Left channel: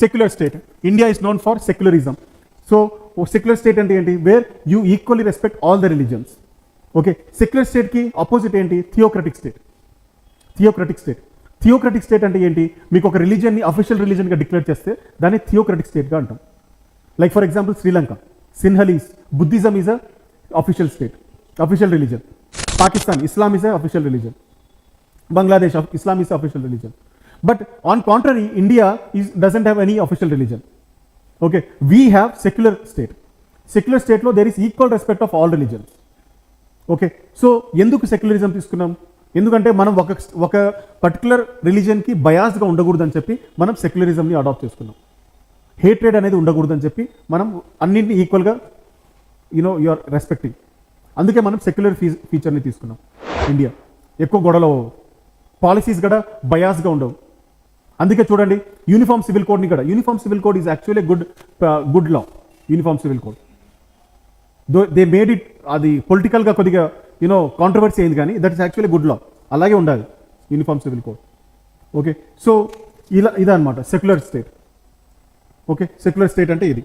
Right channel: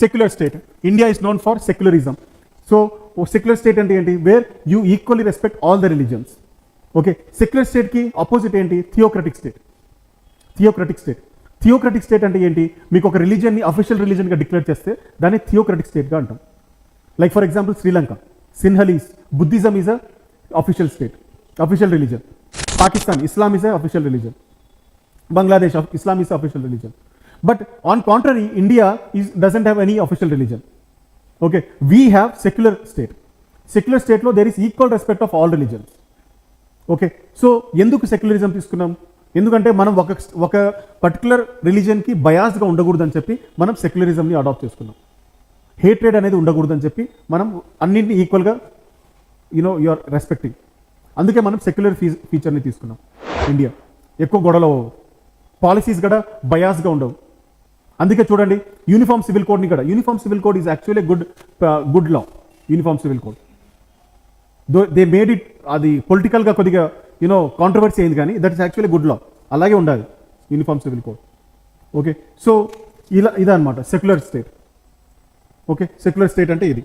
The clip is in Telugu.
Secular state. India is known for secularism. So secular state అంటే ఏంటి? Where you equally respect all the religions. Okay, secular స్టేట్కి అపోజిట్ ఏంటి? Theocratic state. Theocratic state. Theocratic state అంటే ఏంటి? మీకు ఒక రిలీజియన్ని అఫీషియల్ రిలీజన్గా డిక్లేర్ చేస్తే దాన్ని థియోక్రటిక్ స్టేట్గా అంటాం. Like for example Sri Lanka, Sinhalese, Buddhism is a official state, official religion. Pakistan, Islam is a official religion. Bangladesh, Islam is official religion. But on contrary, India doesn't have any official religion. Okay, we have secular state. Secular state lo there is equal respect of all religions. Okay, so ఎందుకు సెక్యులరిజం తీసుకున్నాం? ఎందుకంటే మనం ఒక పర్టికులర్ రిలీజన్ కి బయాస్ గా ఉండకూడదని చెప్పి మనం సెక్యులరిజం ని అడాప్ట్ చేసుకున్నాం. హేట్రేడ్ అనేది ఉండకూడదని చెప్పి మనం అన్నింటినీ ఈక్వల్ గా యు ఆర్ రెస్పెక్టింగ్. అందుకే మనం సెక్యులర్ ఫీచర్ ని తీసుకున్నాం. ఇండియా ఎక్కువ గొడవలు, పాలసీస్ కూడా బయాస్గా ఉండవు. అందుకే చూడండి యూనిఫామ్ సివిల్ కోడ్ని కూడా, uniform civil code is actually good law. Uniform civil code they made it, అది పొలిటికల్గా కొద్దిగా కాంట్రవర్సీ అయింది, కానీ దట్ ఇస్ యాక్చువల్లీ గుడ్ లా. అలాగే ఉండాలి uniform civil code. Okay, so ఇదే అనమాట secular state. Okay, secular state అంటే ఇది.